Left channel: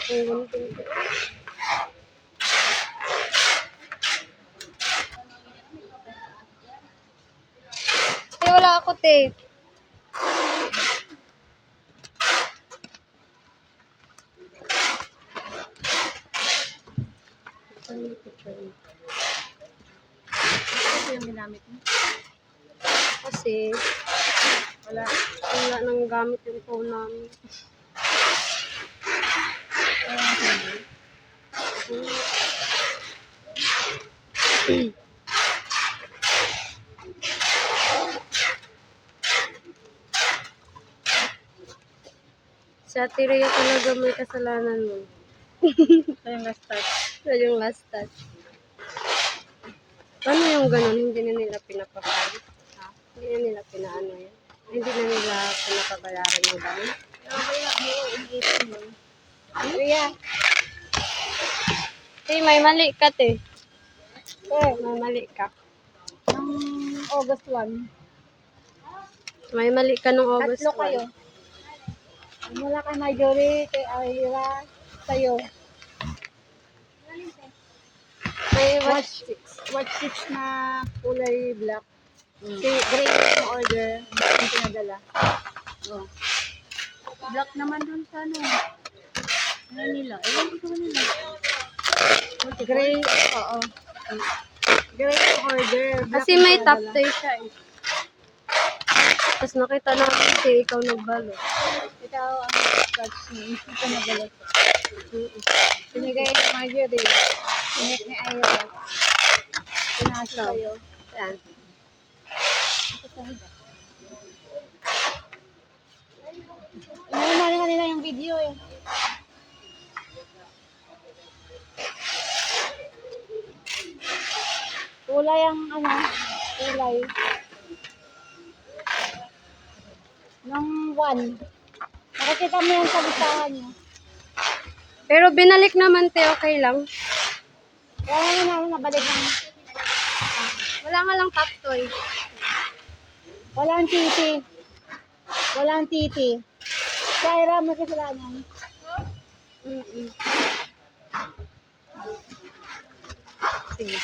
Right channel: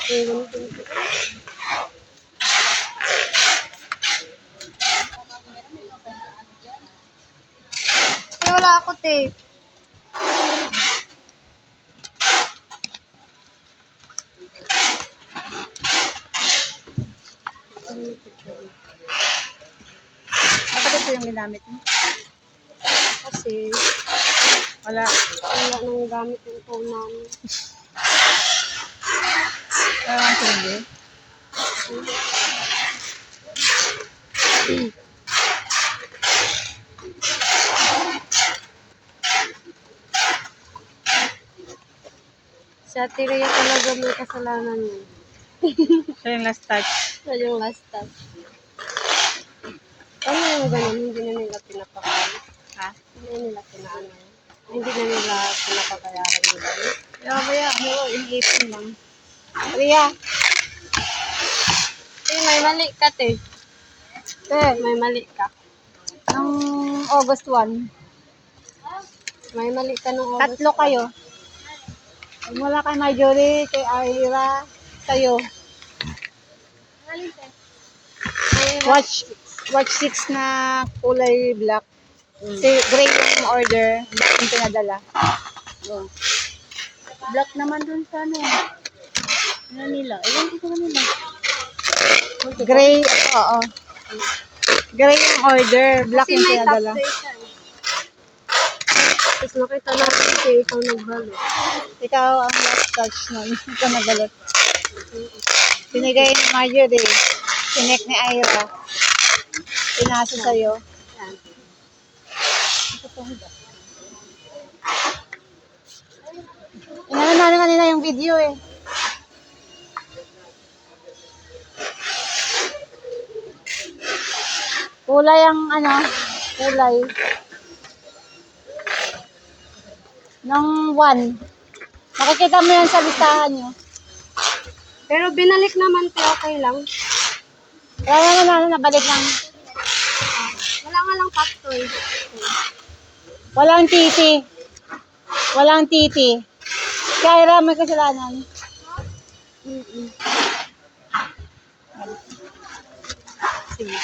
akong ganito. Wala ako tape. Bakit ito yung ginamit mo? Kasi wala nang gamit yung phone namin. Parang hindi. Sa Tiria talaga may kasalanan mo. Ito yung last touch. Sa yung last touch. Ano yung ganun? Hindi na nila pinapakal. Ha? Hindi na nila pinaano. Hindi na nila pinapabayaran mo ba? Kaya mo, iniipon lang. Ria, May mali ka, te. May mali ka. nung August 1, May mali ka nung August. tatlo kayo. Mula kay Marjorie, kay Ira, kayo. Watch 6 na kulay black. Si gray yung order, yung pinadala. Oh. Black naman dun sa ano. Ano nila? Ewan ko sa kanila. Gray, oo. Gray yung order, black Kasi yung may top pinadala. tape siya eh. Tapos nakita natin kasi ikaw nagbalo. Ikaw ang touch nun. Ikaw nagalot. Pinigay ni Marjorie. Sinek ni Ira. Pinasa sa'yo. Yan. Inaano na naman nila yung video eh. Kulay ang ano, kulay. Ng 1. Makikita mo yan sa listahan nyo. Pero binalik naman, te, okay lang. Wala naman nabalik lang. Wala nga lang top toy. Walang titi. Walang titi. Kaya Ira, may kasalanan. Mm-mm. Sige.